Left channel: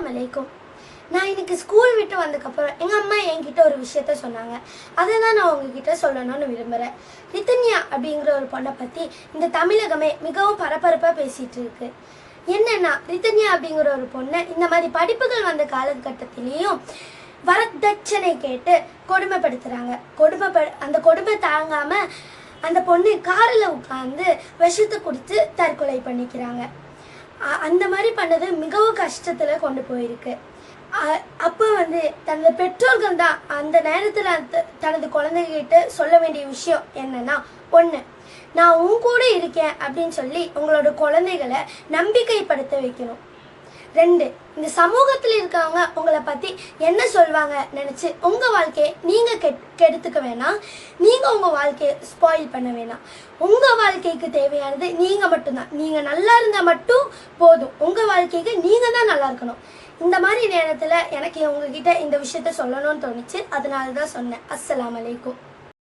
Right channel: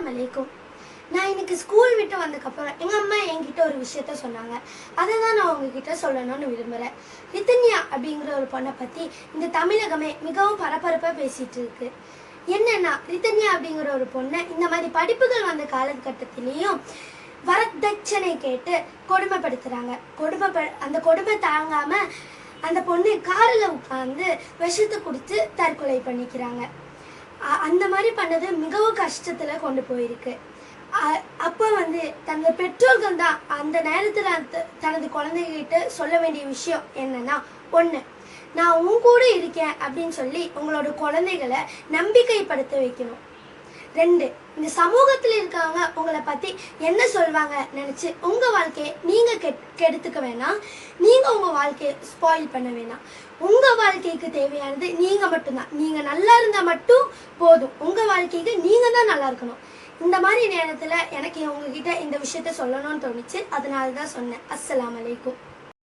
அஸ்ஸலாமு அலைக்கும். நான் இன்னைக்கு ஸ்கூல் விட்டு வந்ததுக்கப்புறம் எங்கள் அம்மா என்கிட்ட ஒரு விஷயத்த சொன்னாங்க. அதை தான் நான் உங்ககிட்ட சொல்லணும்னு விரும்புகிறேன். ரிதன்யா அப்படிங்கிற ஒரு பொண்ணை பற்றி இந்த தமிழகமே மிகவும் பரபரப்பாக பேசிகிட்டு இருக்கு. என்னன்னா, ரிதன்யா அப்படிங்கிற ஒரு பொண்ணை இந்த மாதிரி படிப்புகள் வந்த காலகட்டத்திலையும் வரதட்சணை கேட்டு கொடுமைப்படுத்துகிறாங்க. அந்த கொடுமை தாங்காமல் அந்த பொண்ணு காரில் உட்காந்து விஷத்தை குடித்து தற்கொலை பண்ணிக்கிறாங்க. அந்த மாதிரி பண்ணது மிகவும் கஷ்டத்தில் கொண்டு போயிருக்கு. அப்போ தனது பெற்றோர்கள் தான் அந்த நேரத்தில் தனது குழந்தைகிட்ட சொல்ல வேண்டிய விஷயம் என்னன்னா, ஒன்று, நான் உன் கூட இருக்கேன் அப்படின்னு சொல்லி உங்களோட குழந்தைகளை நம்பிக்கைப்படுத்த வைக்கணும். 2, இந்த சமூகத்தில் இருக்கவங்க உங்களை பற்றி என்ன சொல்வாங்க நினச்சி உங்கள் வாழ்க்கையை நீங்கள் கெடுத்துக்க வேணாம். நீங்கள் உங்கள் வாழ்க்கையை ஸ்பாயில் பண்ண வேணாம். உங்கள் வாழ்க்கைக்கு தேவையானது நீங்கள் மட்டும்தான். நீங்கள் நல்லா இருந்தால் மட்டும் போதும். உங்கள் வாழ்க்கைக்கு நீங்கள் தான் நல்லா இருக்கணும். இந்த மாதிரி நேரத்தில் எனக்கு உங்ககிட்ட இந்த விஷயத்த சொல்லணும்னு தோணுச்சு. அதனால தான் சொன்னேன். அஸ்ஸலாமு அலைக்கும்.